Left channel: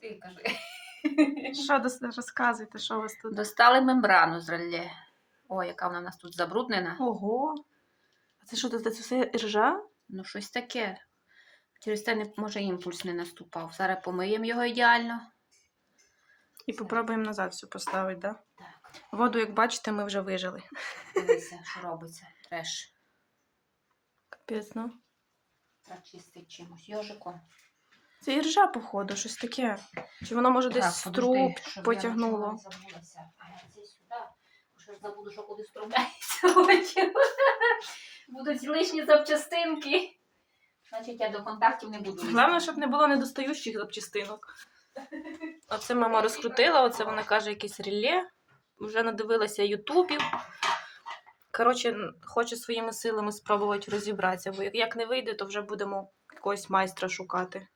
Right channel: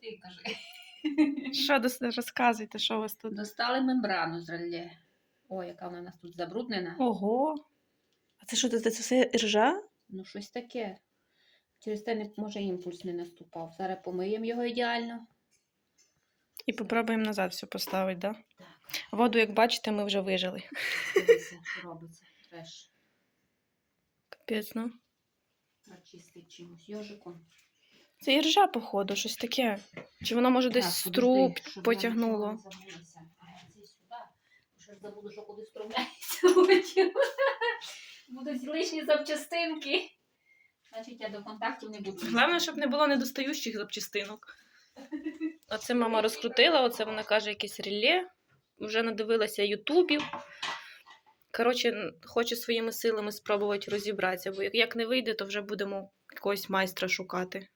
Ти кажи. Що дос- розказуйте, що у вас тут? Достали мембрану з реле. О, яка вона в нас тут забруднена. Ого. А це що, це, це все ржа? Ну, щось таке. Через те, не, може, імпульс не наступав. Зараз помиємо його ідеально. І попробуємо назад все поставити, да? Так, Воду, як бачите, ми вже вижили. дивися, що робиться. Треш. Капець, ну. Треба чистити чимось. Йожиком. Це і ржа, походу, щось таке. Чи воно може десь з подожди, труб потягнуло? Що ж забуду, що куди струмляється. Будуть лишні запчастинки. Значить, я до контактів не буду. Головне, щоб не було недостаючих запчастинок. Оце мама розкрутила, оце вона каже якесь реле. Вже надивилася ютубів. Коротше, хочу своїми силами спробувати розібратися, бо як не вийде, то вже будемо якогось майстра шукати.